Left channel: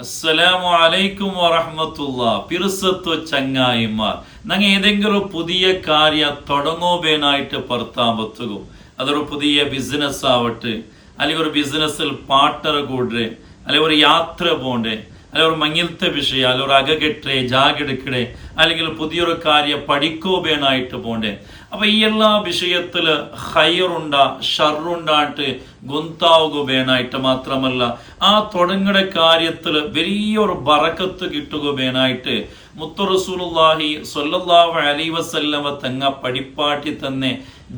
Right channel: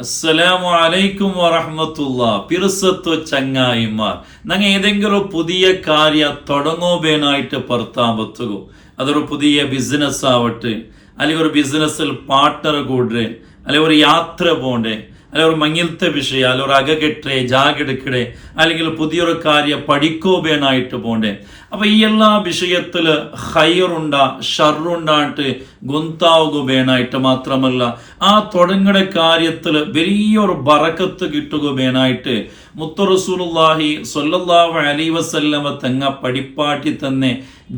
അസ്സലാമു അലൈക്കും വറഹമത്തുള്ള. പിറുസത്വ ചങ്ങായിമാർ. നങ്ങ ഏതെങ്കിലും പുതിയ കാര്യ തുടങ്ങോബേനായിട്ട് പുറത്താൻ പറ്റുകോ? അതൊരു പുതിയ ബിസിനസ് ആവട്ടെ. അല്ലെങ്കിൽ ഒരു ബിസിനസ്സിൽ പാർട്ണർ കൂടേ അല്ലെങ്കിൽ ഒരു യാത്ര പോണ്ടേ? അല്ലെങ്കിൽ മങ്ങിലത്തെ വിഷയ അല്ലെങ്കിൽ അകകെട്ടേ ജാഗെടുക്കടേ അല്ലെങ്കിൽ പുതിയൊരു കാര്യം പഠിക്കോബേനായിട്ട് പോണ്ടേ? അപ്പൊ ഈ എല്ലാ വിഷയത്തിൽ ഹൈറുണ്ട ഷറുണ്ടായിട്ട് ഗുന്താവുകയായിട്ട് മാത്രമല്ല ആ തുടങ്ങുന്ന കാര്യത്തിൽ വലിയൊരു ബറക്കത്ത് കിട്ടുകയായിട്ട് മുത്തറസൂലുല്ലാഹി സ്വല്ലല്ലാഹു അലി വസല്ലമ തങ്ങ പഠിപ്പാട്ടി തന്നെ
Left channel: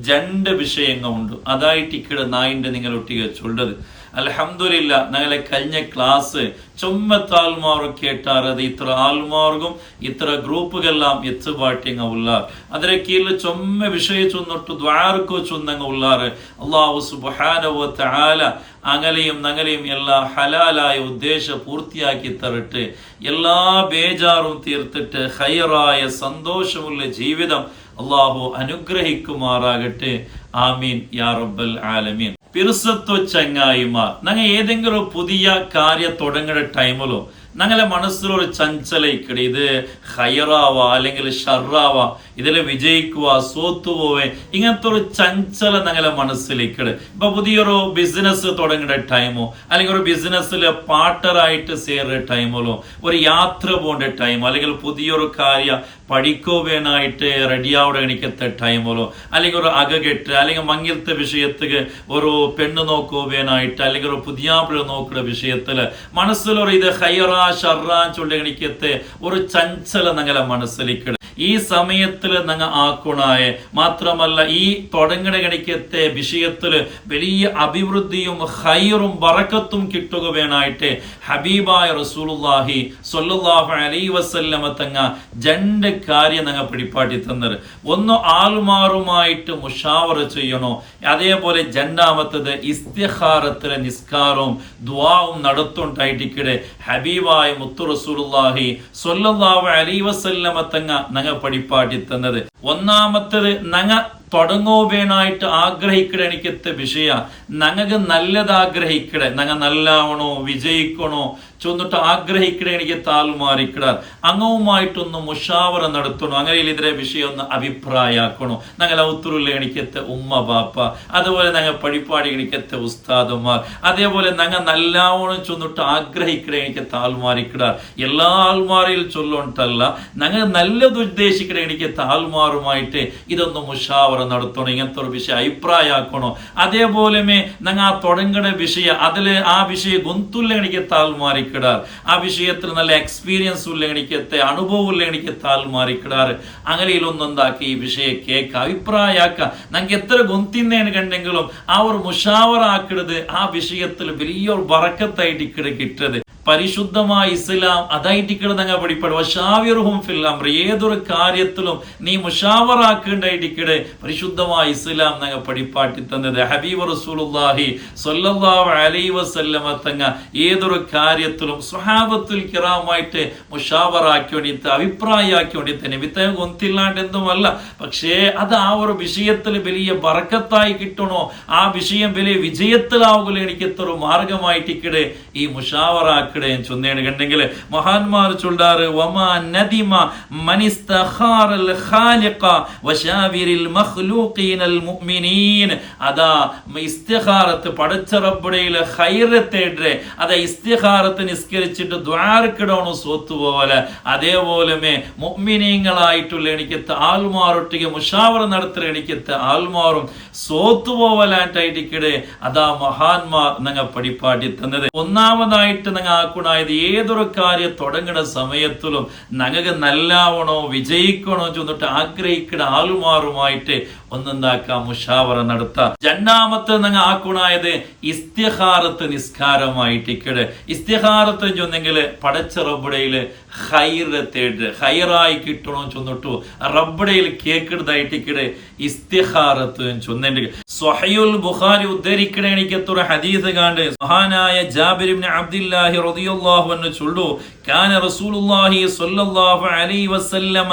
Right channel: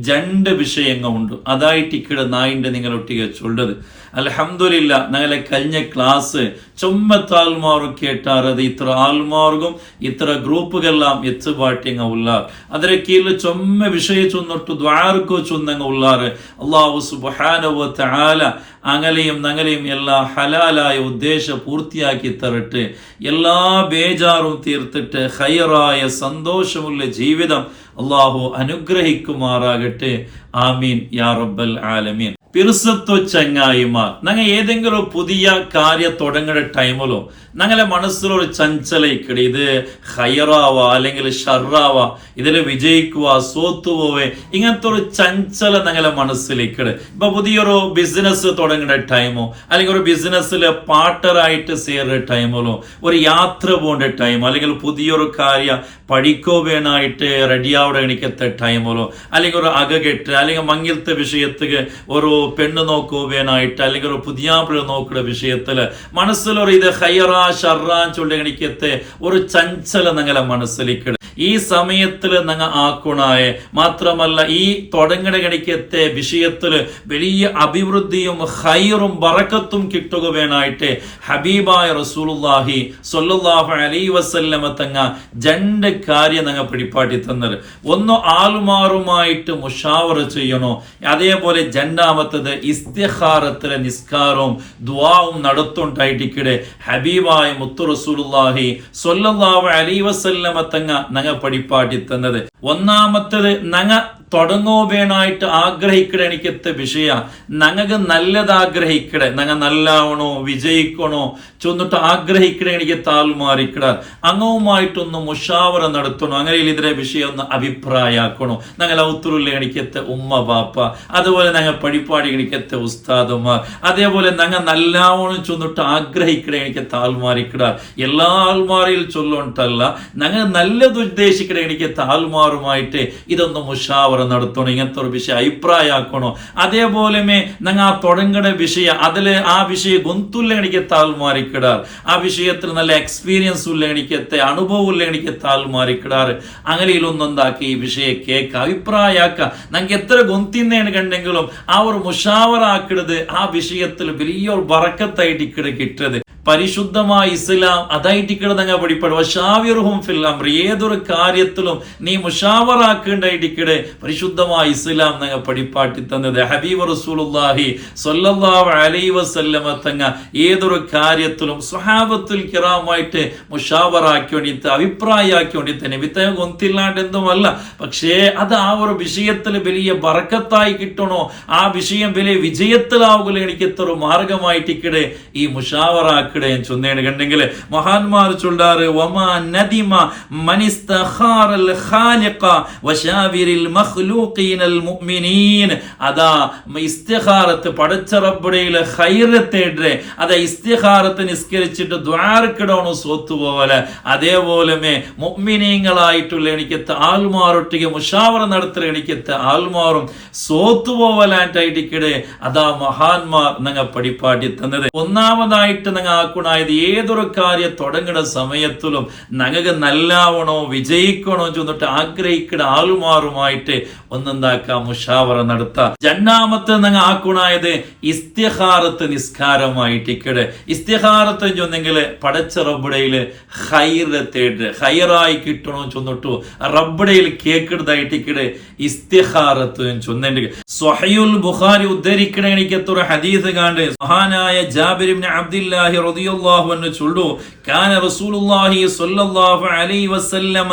രണ്ട് വിഷയങ്ങളുണ്ട്. അതായിട്ട് ഇക്കിടെ നായിന്റെ നിങ്ങളൊട്ടിക ചൊല്ലത് അലഹമില്ല ഞങ്ങളെ കഴിഞ്ഞ ക്ലാസ് ചുമ്മത്താൽമാറും കേട്ടാറത് ഇത്ര ആൽമാർഗും ഇത്ര ഗ്രൂപ്പുകളെല്ലാം എത്തുപാട്ടിങ്ങ ഉള്ളാർ. അതിലെ കീഴിൽ ചൊമ്മ വിഷയിച്ചൊന്നിട്ട് ദ്വാർക്കോ ചൊന്നങ്ങ ഉള്ളാറ് അള്ളാഹു സുബാനവോ താല അങ്ങലെയും നങ്ങലെയും എല്ലാ ഹലാലായ ഉദ്ദേശ പൂർത്തിയാക്കി തരട്ട്. എല്ലാ ബേജാറും തീർത്തിട്ട് ഹയറായ സന്തോഷമുള്ള ജീവിതം അള്ളാഹു അനുഗ്രഹിക്കുമാറാകട്ടെ. ആമീൻ. യാ റബ്ബൽ ആലമീൻ. പിറുസത്വ ചങ്ങായിമാർ. ഞങ്ങൾ ഏതെങ്കിലും പുതിയ കാര്യം തുടങ്ങുന്ന ടൈമിലോ ഞങ്ങളെ മനസ്സിലൊരു ചഞ്ചലയിക്കടി. ഇത് ഹയറാവ അല്ലെങ്കിൽ ഷറാവ ഇതിൽ വിജയിക്കുക സോത്തുപോവേ. ഇങ്ങനത്തെ ഒരു ചഞ്ചല ഞങ്ങളെ മനസ്സിലേക്കട്. ഇപ്പൊ പുതിയൊരു ബിസിനസ് തുടങ്ങുന്ന ടൈമോ അല്ലെങ്കിൽ ഒരു ബിസിനസ്സിൽ പാർട്ടറായിട്ട് ചേരുന്ന ടൈമിലോ ഒരു യാത്ര പോകേണ്ട ടൈമോ അല്ലെങ്കിൽ പുതിയൊരു കാര്യം പഠിക്കോവേനായിട്ട് റെഡിയാവിടെ എണിക്കത്തെ ടൈമിലോ അല്ലെങ്കിൽ ഒരു അകകെട്ട് അല്ലെങ്കിൽ മങ്ങിലത്തെ വിഷയത്തിക്ക് ഒരു പെണ്ണ് നോക്കോ വേണായിട്ട് അല്ലെങ്കിൽ ഒരു പുതിയാപ്പിള നോക്കുന്ന വിഷയത്തിൽ മനസ്സിലൊരു ഇത് ഹയറാ ഷറാ ചൊല്ലി എണിക്കത്തെ ഒരു ചഞ്ചല ഞങ്ങളെ മനസ്സിലേക്ക് ഈ സമയത്തിൽ നിങ്ങൾ ആക്കുണായ. മാത്രമല്ല ഈ തുടങ്ങണ കണിക്കത്തെ വിഷയത്തിൽ വലിയ അഭിവൃദ്ധിയും ഹൈറും ബറക്കത്തും കിട്ടുക വേണായിട്ട് ഹബീബായ റസൂലുള്ളാഹി സ്വല്ലല്ലാഹു അലൈഹി വസല്ലമ തങ്ങ രണ്ട് കാര്യം നിങ്ങൾ പിടിപ്പാട്ടി തന്നത് ഒന്ന് ആളുമാറുമായിട്ട് മുഷാവറ ചെയ്യണോ? അതേപോലെ രണ്ടാമത്തത് ഇസ്തിഹാറത്തിലെ നിസ്കാരവും ദ്വാവും നടത്തുണ്ടായിട്ടിക്കിടെ. ഹബീബായ മുത്തു റസൂലുള്ളാഹി സ്വല്ലല്ലാഹു അലൈഹി വസല്ലമ തങ്ങ ഞങ്ങ പഠിപ്പാട്ടി തന്നത് ഒന്നാമത്തത് ഞങ്ങ തുടങ്ങോവേനായിട്ട് ആഗ്രഹിക്കണ എനിക്കത്തെ വിഷയ. ഞങ്ങൾക്ക് നല്ലത് ആഗ്രഹിക്കട ഞങ്ങൾ നല്ലാവണോ വിജയിക്കണോ ചൊന്നിട്ട് ആഗ്രഹിക്കട എനിക്ക് താൽമാറിക്കട അങ്ങവുമായിട്ടൊന്ന് മുഷാവറ നടത്തണോ. അങ്ങനെ ഇതിലെ വിഷയം ഒന്ന് അഭിപ്രായമാക്കണോ ഞങ്ങൾ ഔത്തുറുള്ള എനിക്കത്തെ ഉമ്മ ബാപ്പ അതുപോലെ ഞങ്ങൾ പഴിപ്പാടി എനിക്കത്തെ ഉസ്താദന്മാർ അതേപോലെ ഞങ്ങൾ നല്ലാവണം ചൊന്നിട്ട് ആഗ്രഹിക്കട എനിക്ക് താൽമാറിക്കട എല്ലാ ആൾമാറിൽ ചൊല്ലുണ്ടല്ല. ഞങ്ങൾ നല്ലത് ഉദ്ദേശിക്കട എനിക്ക് താൽമാറുമായിട്ട് ഇതൊന്ന് മുഷാവറ നടത്തണം ഇങ്ങനത്തെ ഒരു വിഷയം അഭിപ്രായമാക്കണോ? അതേപോലെ ഞങ്ങൾ ആ തുടങ്ങുന്ന വിഷയം അതിൽ ആ വിഷയം ഗൊന്തുള്ള എനിക്ക് താൽമാരിക്കിടാർ ആ വിഷയത്തിൽ നല്ല എക്സ്പീരിയൻസ് ഉള്ള എനിക്കത്തെ അനുഭവം ഉള്ള എനിക്ക് താൽമാറിക്കിടാർ അങ്ങനെയിലൊന്നെന്താക്കി ഈ വിഷയം കേക്ക് അഭിപ്രായമാക്ക. ഞങ്ങൾക്ക് എത്ര ഗൊന്തിന്നേണ് കണ്ടെങ്കിലും ആ ഒരു മുഷാവറാക്കിടത് ആ വിഷയത്തിൽ വലിയൊരു വറക്കത്തായിട്ട് ഇക്കിടെ കിട്ടത് പരിശുദ്ധമായ ഇസ്ലാം അതായിട്ടിക്കട ഞങ്ങൾ പഠിപ്പെടും ഷാവിറുഹും ഫില്ലാം ഏതൊരു കാര്യത്തിലും നീ മുഷാവറാക്കേണ്ടായിട്ടിക്കടെ പരിശുദ്ധമായ ഇസ്ലാം നങ്ങ പഠിപ്പാട്ടി തന്നത്. ഹബീബ് റസൂലുള്ളാഹി സ്വല്ലല്ലാഹു അലൈഹി വസല്ലമ തങ്ങ ഏതൊരു കാര്യത്തിലും സ്വഹാബത്തുൽ കിറാമായിട്ട് മുഷാവറാക്കി വേണ്ടിയിട്ട് അഭിപ്രായമാക്കി വേണ്ടിയിട്ട് നിമിത്തം കൊന്തില്ലാണ്ട് എന്തുമല്ല പക്ഷേ അത് ആ ഒരു വിഷയത്തിൽ വലിയ ബറക്കത്തായി കിട്ടണോ? ആ വിഷയം വലിയ വിജയത്തിലാവുകയോ എനിക്ക് എത്ര മാർഗമായിട്ടിക്കടെ ഈ മുഷാവറാക്കി ഞാൻ ചൊന്നേണുകണ്ടെങ്കിൽ മഹാന്മാർ ചൊല്ലാറ് വമാ നദിമ മനിസ്തഖാറൽ ഖാലിഖ വശാവിരിൽ മഖ്ലൂഖീനൽ മുഅ്മിനീൻ. അതാ ഇസ്തിഖാറത്ത് പടച്ച റബ്ബുടയിലെ ഖൈറത്തേടെ അതാ ഇസ്തിഖാറത്ത് നിസ്കരിച്ചിട്ട് ദ്വാരക്കിടണോ സ്വത്ത് പോലെ. അതേപോലെ മുഅ്മിനീങ്ങളായിട്ടുള്ള എനിക്ക് ആൽമാറൊട്ടിക്ക് മുഷാവറ നടത്തുന്ന എനിക്ക് ആൽമാറും സോത്തു പോവലായിട്ടിടെ അതാ മഹാന്മാർ നിങ്ങൾ പഠിപ്പാട്ടി തന്നത്. ഒന്നാമതായിട്ട് ഞങ്ങൾ ആക്കുണായത് ഏതൊരു കാര്യം തുടങ്ങുന്ന സമയത്തിലും ഞങ്ങൾക്ക് നല്ലാവണോ വിജയിക്കണോ ചെന്നിട്ട് ആഗ്രഹിക്കുന്ന ആളുമാറുമായിട്ട് ഒന്നെന്താക്കാം മുഷാവറ നടത്താം. രണ്ടാമത്തെ ഞങ്ങൾ ആക്കുണായത് ഇസ്തിഹാറത്ത് നിസ്കാരമായിട്ട് ഇക്കട് ഇസ്തിഹാറത്ത് ചൊന്നെങ്കിൽ പടച്ച റബ്ബുടയിൽ ഹൈറ് തേട് ഹൈറായി കിട്ടണോ ചൊന്നിട്ടു റബ്ബുടയിൽ കേക്കിടതായിട്ട് ഇക്കട് ഇസ്തിഹാറത്ത് ചൊന്നുണ്ട് സ്വഹയുൽ ബുഖാരി ഉദ്ധരിക്കണ എനിക്കത്തൊരു ഹദീസ് കാണ്ട്. മഹാനായ ജാബിർ അബ്ദുല്ലാഹി റളിയല്ലാഹു അൻഹു ചൊല്ലു കാന റസൂലുള്ളാഹി സ്വല്ലല്ലാഹു അലൈഹി വസല്ലമ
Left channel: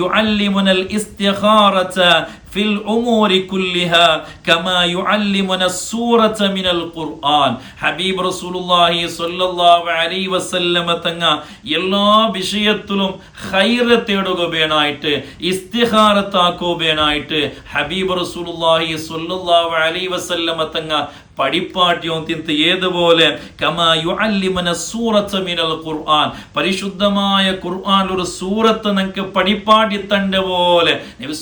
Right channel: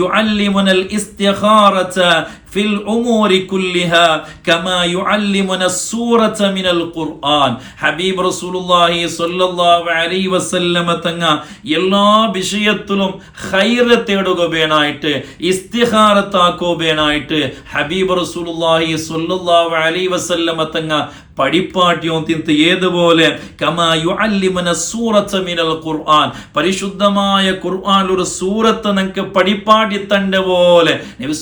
യുഅല്ലിമുനൽ ഇസ്തിഖാറത ഫിൽ ഉമൂരി കുല്ലിഹാ കമാ യുഅല്ലിമുന സൂറത മിനൽ ഖുർആൻ. ഹബീബ് റസൂലുള്ളാഹി സ്വല്ലല്ലാഹു അലൈഹി വസല്ലമ തങ്ങ എല്ലാ വിഷയത്തിലും ഖൈറ് തേടുകയായിട്ട് ഇസ്തിഹാറത്താക്കുകയായിട്ട് ഹബീബ് റസൂലുള്ളാഹി സ്വല്ലല്ലാഹു അലൈഹി വസല്ലമ തങ്ങ പഠിപ്പാട്ടിയും തിന്ത് ഏതുപോലെ ഖുർആൻ. പരിശുദ്ധമായ ഖുർആൻ ഒരു സൂറത്ത് നിങ്ങൾക്ക് പഠിപ്പാട്ടി തണ്ട പോലെ നബി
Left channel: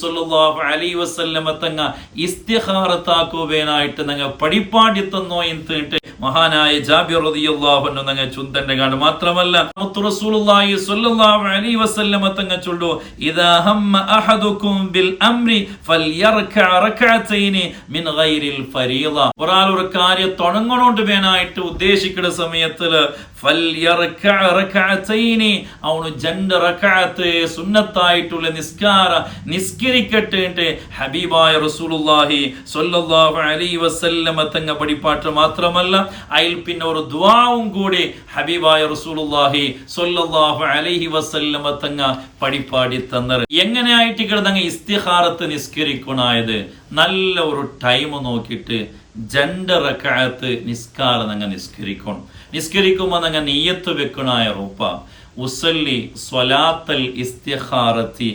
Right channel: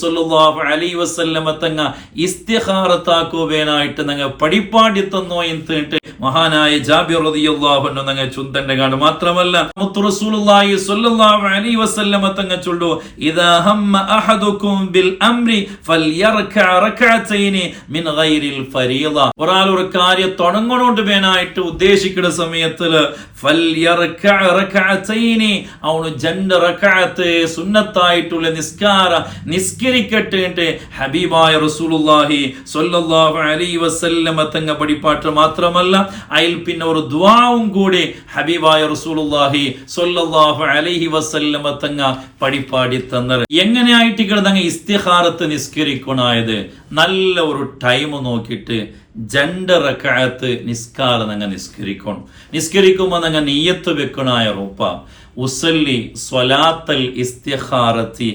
അലൈ വസല്ലമ തങ്ങ ഇസ്തിഹാറത്താക്കുവേനായിട്ട് നിങ്ങൾ പടിപ്പാടി തന്നോ എന്നിട്ട് മഹാനായ ജാബിർ ചുന്തന്റെ കാണും. മാത്രമല്ല മുത്തു റസൂലുള്ളാഹി സ്വല്ലല്ലാഹു അലൈഹി വസല്ലമ തങ്ങ ചൊല്ലു ഇദാ ഹമ്മ ബിൽ അംരി മിൻ ഒരു കാര്യം തുടങ്ങണോണ്ട് വേനായിട്ട് ഉദ്ദേശിക്കുന്ന റകഅതൈനി അവന് രണ്ട് സുന്നത്തായിട്ടുള്ള നിസ്കാര നിസ്കരിക്കട്ടെ ഹബീബായ റസൂലുള്ളാഹി സ്വല്ലല്ലാഹു അലൈഹി വസല്ലമ തങ്ങ പഠിപ്പാട്ട് മാത്രമല്ല അതിൽ പിന്നെ ഒരു ദ്വാവും കൂടി ഹബീബായ റസൂലുള്ളാഹി സ്വല്ലല്ലാഹു അലൈഹി വസല്ലമ തങ്ങ പഠിപ്പാടി തന്നത്. എങ്ങനെയായിട്ട് കിടന്നങ്ങ് ഇസ്തിഹാറത്ത് നിസ്കരിക്കണായത്? നല്ല ഒരു ടൈം നോക്കിയിട്ട് രണ്ട് റക്കായത്ത് നിസ്കാരം തങ്ങ നിസ്കരിക്കണം. നിസ്കരിക്കുമ്പോൾ തങ്ങ നെയ്യത്ത് വെക്കണായ റൂപ്പ ഉസല്ലി സ്വലാത്തൽ ഇസ്തിഹാറത്തി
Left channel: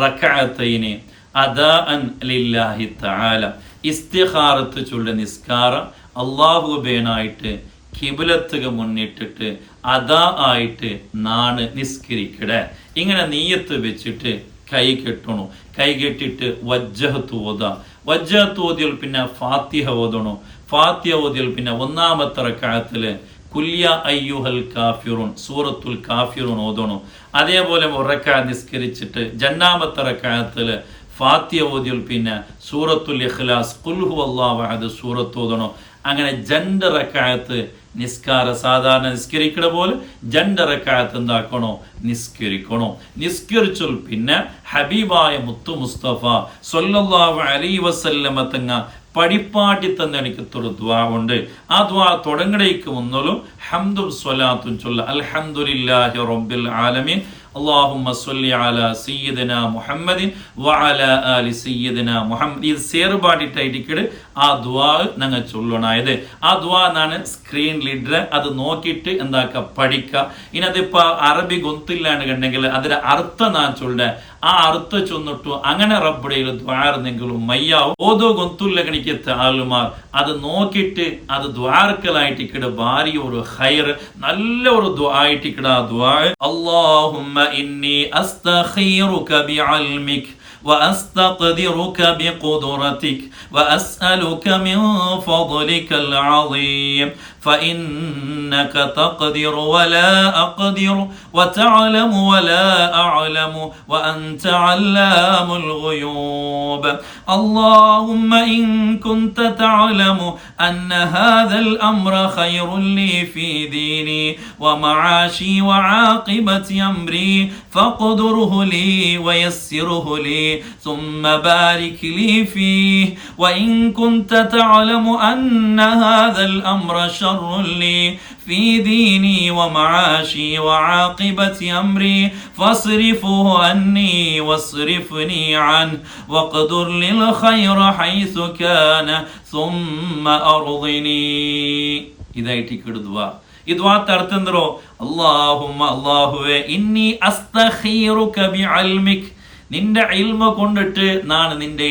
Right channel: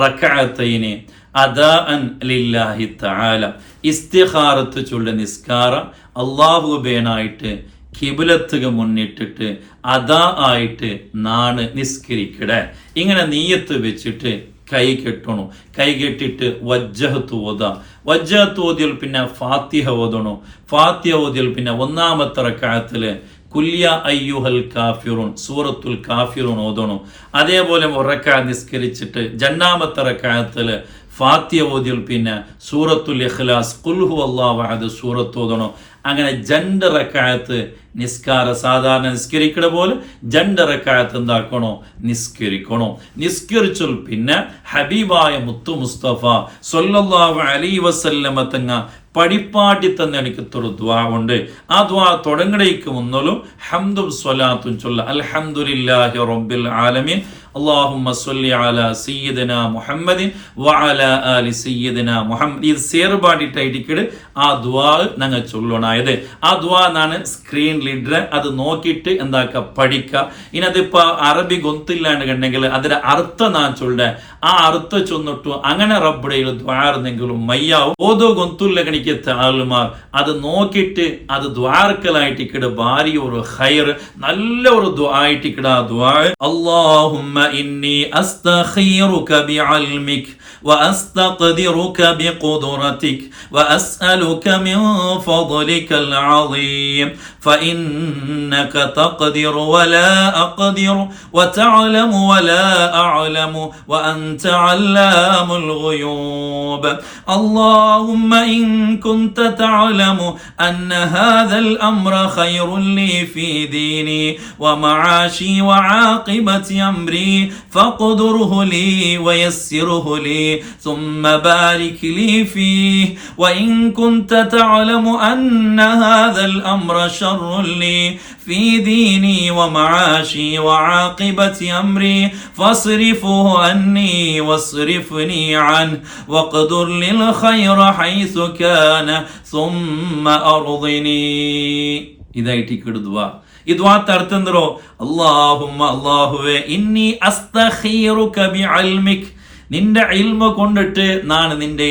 റക്കായത്തൈനെ അദാഅൻ ലില്ലാഹി തആല. ഇസ്തിഹാറത്ത് ചൊല്ല നിസ്കാരം അള്ളാഹുബേനായിട്ട് കിബുലത്തുക മുന്നിട്ടിട്ട് അതാ ആയിട്ട് നാണ് നിസ്കരിക്കട. ഇങ്ങനെ നീയത്ത് വെച്ചിട്ട് കൈ കെട്ടണു. കൈ കെട്ടിട്ട് വജ്ജഹത്ത് ഓത. വജ്ജഹത്ത് ഓതിയാൽ പിന്നെ ഫാത്തിഹ ഓതണു. ഫാത്തിഹ ഓതിയാൽ പിന്നെ ഒന്നാമത്തെ റക്കായത്തിൽ കുല്യ അയ്യുഹൽ കാഫിറുൻ സൂറത്തുൽ കാഫിറുൻ ഓതണു. അതേപോലെ ഉറക്ക നിസ്കരിച്ചിട്ട് ജന്നാമത്തെ റക്കായത്തിൽ ഫാത്തിയ ഓതിയൽ പിന്നെ സൂറത്തുൽ ഇഖ്ലാസ് കുൽഹു അള്ളാഹ് സൂറത്ത് ഓതണോ? അങ്ങനെ ജണ്ട് റക്കായത്ത് നിസ്കാര സാധാരണ നിസ്കരിക്കണ പോലെ ജണ്ട് റക്കായത്ത് എന്താക്കണോ? നിസ്കരിക്കണോ? നിസ്കരിച്ചാൽ പിന്നെ ഹബീബായ മുത്തു മുസ്തഫ സൊല്ലാഹു അലൈ വസല്ലമ തങ്ങ പടിപ്പാട്ടി തന്നെ എനിക്ക് ദ്വാ ഉണ്ട്. ആ ദ്വാ തുടങ്ങടേക്ക് മുന്നലും ഹംദും സ്വലാത്തും ചൊല്ല അൽഹംദുലില്ലാഹി റബ്ബിൽ ആലമീൻ. അള്ളാഹുമ്മ സൊല്ലി അലാ സയ്യിദനാ മുഹമ്മദിൻ വഅല അലി സയ്യിദനാ മുഹമ്മദ്. ഇത് സേറുപാടിട്ടായിരിക്കും ആ ദ്വാ ഞങ്ങൾ ചൊല്ലണായത്. ആ ദ്വാ എന്നാണ് സ്ക്രീൻ ലീഡർ അത് നോക്കിയിട്ട് എന്താക്ക പഠിക്കുക ഇനതിപ്പോൾ അറബി ഗൊന്തില്ലാണ്ട് കണ്ടെങ്കിൽ അതിന്റെ അർത്ഥം നാ ചൊല്ല? ആ അർത്ഥം ചൊന്നിട്ടു അങ്ങനെ റബ്ബുടയിൽ ദ്വാർന്നെങ്കിലും മയ്യാവും. ഓതോ ഗൊന്തുല്ല കണിക്ക താലുമാർ അത് നോക്കിയിട്ട് അത് ദ്വാർക്കലായിട്ട് ഇക്കിട് ഭാര്യ ഒരു ഹയർ നല്ല ഒരു ദ്വാ ആയിട്ട് ആ ദ്വാ അള്ളാഹുമ്മ إني أستخيرك بعلمك وأستقدرك بقدرتك وأسألك من فضلك العظيم. فإنك تقدر ولا أقدر وتعلم ولا أعلم وأنت علام الغيوب. اللهم إن كنت تعلم أن هذا الأمر خير لي في ديني ومعاشي وعاقبة أمري فاقدره لي ويسره لي. ثم بارك لي فيه وإن كنت تعلم أن هذا الأمر شر لي في ديني ومعاشي وعاقبة أمري فاصرفه عني واصرفني عنه واقدر لي الخير حيث كان ثم أرضني إذا يتكردوا ഇദ്വാത്ത അർത്ഥം എന്തോ അള്ളാഹുമ്മ അള്ളാഹുവെ ഇന്നി അസ്തഖീറുക ബിഅൽമിക് നിന്റെ ഇൽമ കൊണ്ടിട്ട് നാണ് നിന്റെ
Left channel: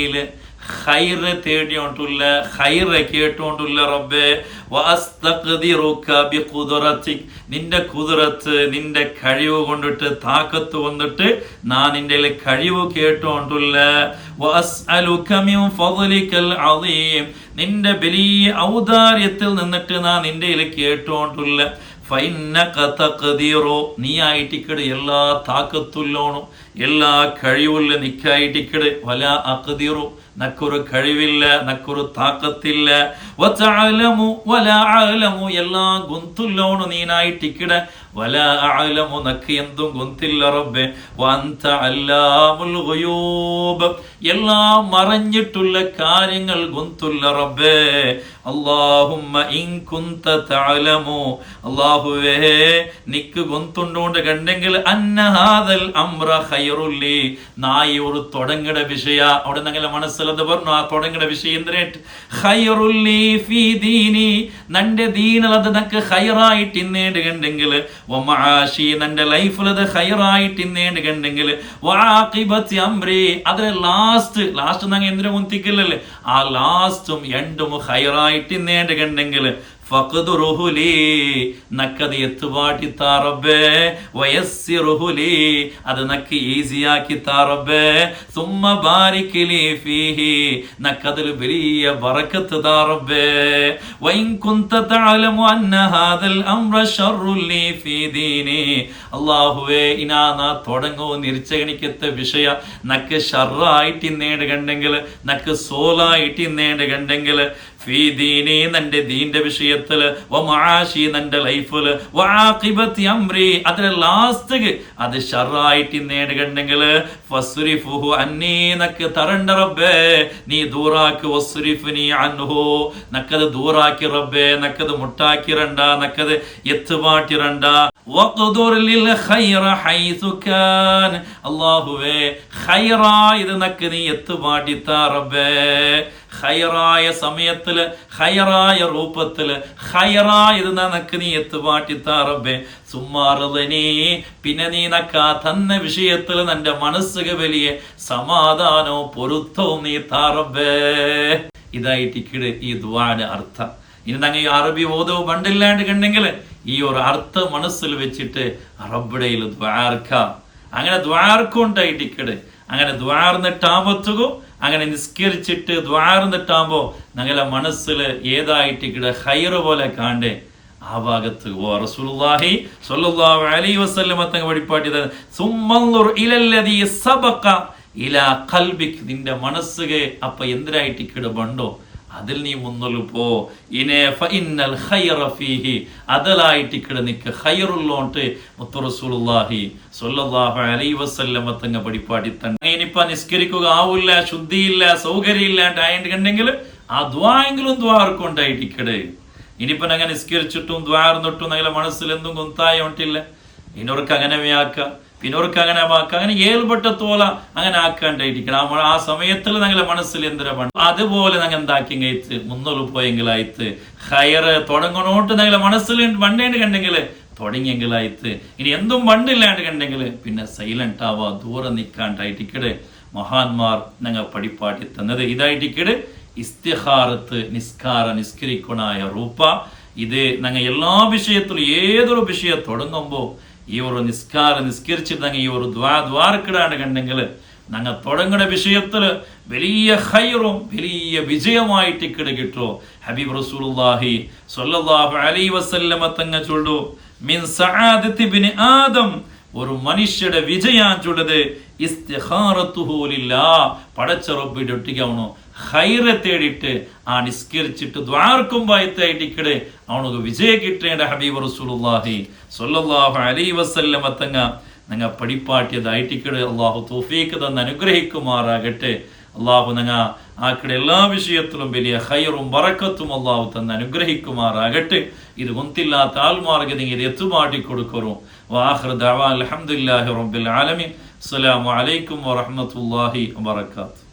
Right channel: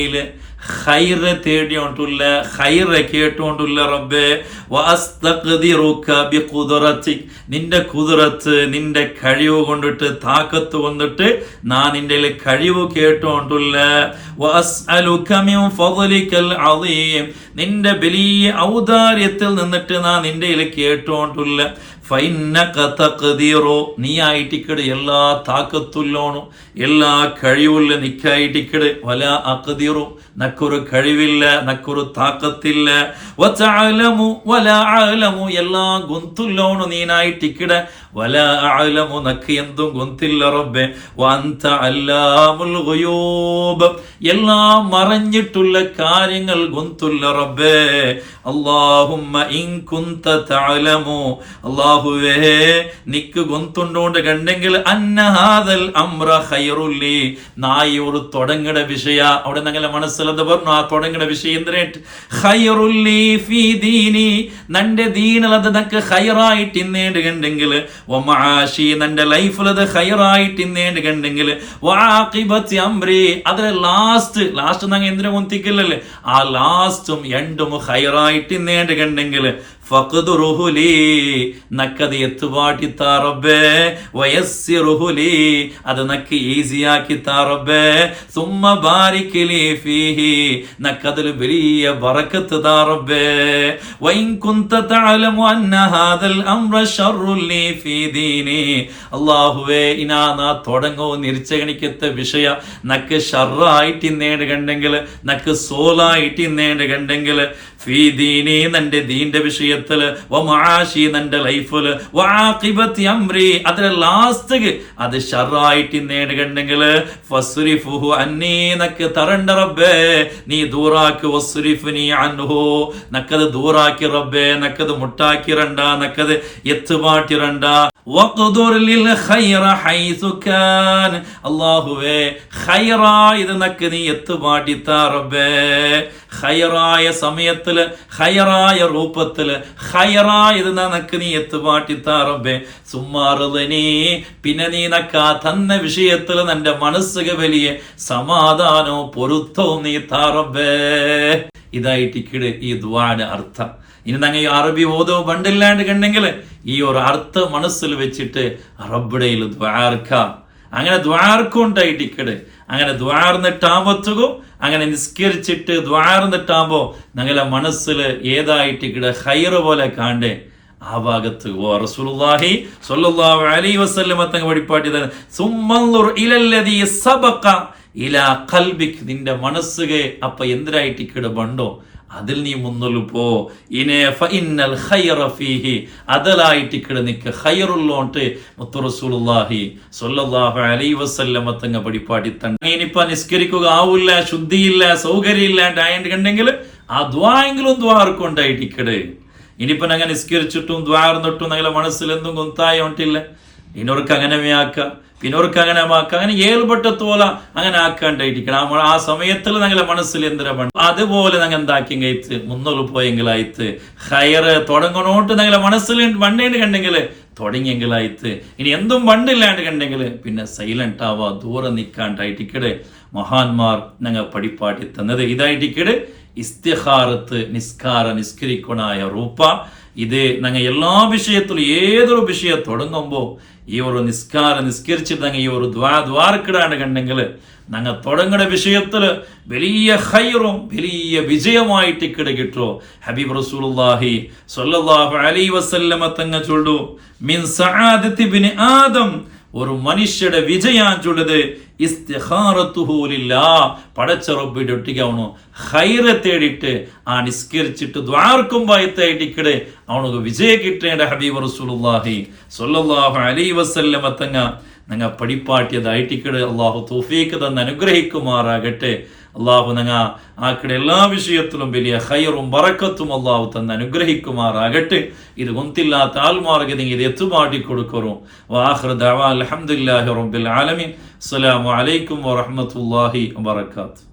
ഹൈറ തേടിയോണ്ടുള്ള ഖൈറ കേട്ടുകൊണ്ടുള്ള റബ്ബെ നിന്റെ കുതിരത്ത് നിന്റെ കഴിവ് കൊണ്ടിട്ട് താക്കത്ത് കൊണ്ടിട്ട് നാ നിന്റെ കഴിവ് കേട്ടുകൊണ്ടുള്ള നിന്റെ വലിയ ഔദാര്യത്തിൽ നിന്നിട്ട് നാ നിന്റെ കേട്ടുകൊണ്ടുള്ള നീ ആയിട്ടിക്കട് എല്ലാ താക്കത്തുല്ലോണും എല്ലാ കഴിവുള്ള നിക്കായിട്ടിക്കട് വല അക്കതീറോ നക്കൊരു കഴിവില്ല നക്കൊരു താക്കത്തില്ല. വല ആലമു എല്ലാ ഗൊന്തുല്ലോണു നീനായിട്ടിക്കട വല ആലമു നക്ക് എന്തും ഗുന്തില്ല റബ്ബെ. വന്ത അല്ലാമുൽ ഗുയൂബ്. എല്ലാം മറഞ്ഞിട്ടുള്ള കാര്യങ്ങൾ ഗൊന്തുല്ല റബ്ബെ. അല്ലാഹുമ്മ ഇൻ കുന്ത തഅലമു. അല്ലാഹുവേ നിക്ക് ഗൊന്തുണ്ടോണ്ട് കണ്ടെങ്കിൽ അംറ ഖൈറുല്ലി നായി തുടങ്ങട വിഷയ. അവിടെ ഞങ്ങളെ മനസ്സിലത് പറഞ്ഞു ആ തുടങ്ങട വിഷയം എന്തിനായിട്ട് ഖൈറുല്ലി ഫീ ദീനി. നന്റെ ദീനിൽ നക്ക് ഖൈറായിട്ട് ഇന്നേണ്ട് കണ്ടെങ്കിൽ വമാഷി നന്റെ ലൈഫിലത് ഖൈറായിട്ട് ഇന്നേണ്ട് കണ്ടെങ്കിൽ വാഖിബത്തി അംരി. അതിലെ ലാസ്റ്റ് ലാസ്റ്റ് നങ്ങ എന്തിനു മുന്തിക്കില്ലല്ലേ ആ ലാസ്റ്റും എണ്ടും ഖൈറായിട്ട് ഇന്നേണ്ട് കണ്ടെങ്കിൽ ഫഖ്ദുറുഹുലി നക്കത് എത്തുപാട്ടി താറബ്ബേ വയസ്സിറുഹുലി അത് നക്ക് ഈസിയാക്കി താറബേ സുമ്മ ബാരിക്കലി ഫീഹി നക്കതിൽ വലിയ ബറക്കത്ത് താറബേ വൈൻ കുന്ത തഅലമു അന്ന ഹാദൽ അംറ ശർറുല്ലി ഫീ ദീനി. അല്ലാഹുവേ ഇനാ നാ തുടങ്ങോ നിരിച്ചഗണിക്കത്തെ വിഷയ. നക്ക് ഷർറായിട്ട് ഇന്നേട് കണ്ടെങ്കിൽ നക്ക് സോലായിട്ട് ഇന്നേട് കണ്ടെങ്കിൽ ഫീ ദീനി നന്റെ ദീന്റെ വിഷയത്തിൽ നന്റെ ലൈഫിൽ വാഖിബത്തി അംരി. അതിലെ ലാസ്റ്റ് അത് ഷറായിട്ട് ഇന്നേട് കണ്ടെങ്കിൽ ഫസ്രിഫുഹു അന്നീ നക്ക് തരണ്ട റബ്ബേ നീ ദൂറാക്ക് വസ്രിഫ്നി അൻഹു. നക്കത് ദൂറാക്കി റബ്ബേ നക്കത് മുട്ടാക്കിരണ്ട നക്കത് എത്തുപാട്ടിരണ്ട ഖൈറായത് നക്ക് നീ എത്തുപാട്ടി റബ്ബേ. ഹൈറായ സമയത്തിൽ ഹയറായ രൂപത്തിൽ ഹയറായത് നക്ക് നീ എത്തുപാട്ടിത്താ റബ്ബേ. സുമ്മാറുതനീ പിന്നെ നീ നക്കാ തന്ന വിഷയത്തിൽ നിന്റെ മനസ്സുക വലിയ സമാധാനവും പൊരുത്തവും നീ താറബേ ഇതായിട്ടിക്കിട് ഈ ദ്വാന അർത്ഥം. ഇനി അറബി ഓതോ പണ്ടില്ലാണ്ട് കണ്ടെങ്കിൽ ഈ ഒരു അർത്ഥം മനസ്സിൽ വെച്ചിട്ട് അറബിടയിൽ ദ്വാർക്ക അങ്ങനെ ദ്വാർക്കുണ്ടായിട്ടിക്കട് അങ്ങനെ ദ്വാർന്നിട്ടാമ്പത്തുകും അങ്ങനെ നിസ്കരിച്ചിട്ട് ദ്വാർന്നിട്ടാകുമ്പോൾ ഞങ്ങളെ മനസ്സിൽ ഏതായിട്ട് കിട ഹൈറ് പോലെ കാണ്ടേ. ആ ഭാഗത്ത് ഓ റസൂലുള്ളാഹി സ്വല്ലല്ലാഹു അലൈഹി വസല്ലമ തങ്ങ വഴിപ്പാട്ടി തന്നെ സുമ്മൻദുർ ഇലല്ലദീ സബഖ ഇലാ ഖൽബിക്. നിന്റെ മനസ്സുകെ അപ്പൊ എന്തിനായിട്ട് കിട ബണ്ടോ? അതിൽ നീ മുന്നോട്ട് പോ. ഇനെ ഫഇന്നൽ ഫീഹി അതലായിട്ട് കിട നിക്ക്. ഖൈറുള്ളോണ്ട് മുത്തു റസൂലുള്ളാഹി സ്വല്ലല്ലാഹു അലൈഹി വസല്ലമ തങ്ങ പടിപ്പാടി തന്നെ ഇനിയിപ്പോ നിസ്കരിക്കുക ആവില്ല ശുദ്ധിയില്ല സൗകര്യമില്ലാണ്ട് ആയിട്ട് കണ്ടെങ്കിൽ ആ ദ്വായെങ്കിലും ദ്വാർക്കുണ്ടായിട്ടിക്കട് ഇനിയിപ്പോ അങ്ങനെ നിസ്കരിച്ചിട്ടും ദ്വാർന്നിട്ടും നിങ്ങളെ മനസ്സിൽ എന്തും കൊന്തായ ഉണ്ടില്ല ഇനോർക്ക് അങ്ങനെ ആക്കാം. പിന്നോർക്ക് അങ്ങനെ വാക്ക് അങ്ങനെ ഏൽപ്പെട്ട തോല അങ്ങനെ ആക്കാണ്ടായിരിക്കണം. നമ്മൾ ആ സമയത്തിൽ ഞങ്ങളെ മനസ്സിൽ എന്തിനാ പണ്ട് അതുപോലെ ഞങ്ങൾ എന്താക്കി കഴിച്ച്? മുന്നോട്ട് പോയെങ്കിലായിട്ട് ഹയറ് തുടങ്ങണോട്ട് ഞങ്ങളെ മനസ്സിൽ വണ്ടേണ്ട് കണ്ടെങ്കിൽ തുടങ്ങിയെങ്കിലായിട്ട്. ഇനി എന്തും വണ്ടില്ലാണ്ട് കണ്ടെങ്കിൽ പിന്നെ സൈലന്റ് ആവാ ദൂരെ നിൽക്കാണ്ടായിട്ടിക്കട് മഹാന്മാർ ഞങ്ങൾ പടിപ്പാട്ടി തന്നത് ഇതായിട്ടിക്കട് ഇസ്തിഹാറത്ത് നിസ്കാര നിസ്കരിക്കണായ റൂപ്പ ഇത് ഞങ്ങൾ എല്ലാ വിഷയത്തിലും ഏതൊരു വിഷയം തുടങ്ങുമ്പോൾ ഞങ്ങൾ ഈ ഒരു ദ്വാ ദ്വാരക്കിടാണ്ട് കണ്ടെങ്കിൽ ഞങ്ങൾ തുടങ്ങുന്ന വിഷയത്തിൽ വലിയ ഹൈറും വലിയ വിജയമായിട്ട് ഇക്കട് കിട്ടോ. ഹബീബ് റസൂലുള്ളാഹി സ്വല്ലല്ലാഹു അലൈഹി വസല്ലമ തങ്ങ ചൊല്ലു. മിൻ സആദത്തി ബിനി ആദം ഒരു മനുഷ്യരുടെ വിജയാൻ ചൊല്ലത് ഇസ്തിഹാറത്തുഹൂലില്ലാ പടച്ച റബ്ബിന്റെ ഒട്ടിക്കാവണു. ഹൈറെ തേടിയിട്ട് ആ നിസ്കരിച്ചിട്ട് ദ്വാർക്കുമ്പായത്തായിട്ടിക്കടെ അവനക്ക് വിജയ കിട്ടേണ്ട ഹബീബ് റസൂലുള്ളാഹി സ്വല്ലല്ലാഹു അലൈഹി വസല്ലമ തങ്ങ നങ്ങ പഠിപ്പാട്ടിയതായിട്ടിക്കട് അള്ളാഹു തോഫീക്ക് തന്ന് അനുഗ്രഹിക്കുമാറാകട്ടെ. അള്ളാഹു നങ്ങ ആക്കിടെ എല്ലാ വിഷയത്തിലും വലിയ ഹൈറും ബറക്കത്തും അള്ളാഹു തന്ന് അനുഗ്രഹിക്കുമാറാകട്ടെ. ഇത് ഒന്നില്ലാത്ത ആൽമാർഗ നിങ്ങൾ ഇത് എത്തുമാട്ടി കൊടുക്കറും വാഹൃ ദഅവാ അൽഹംദുലില്ലാഹി റബ്ബിൽ ആലമീൻ. അസ്സലാമു അലൈക്കും വറഹ്മത്തുള്ളാഹി വബറകാതുഹു.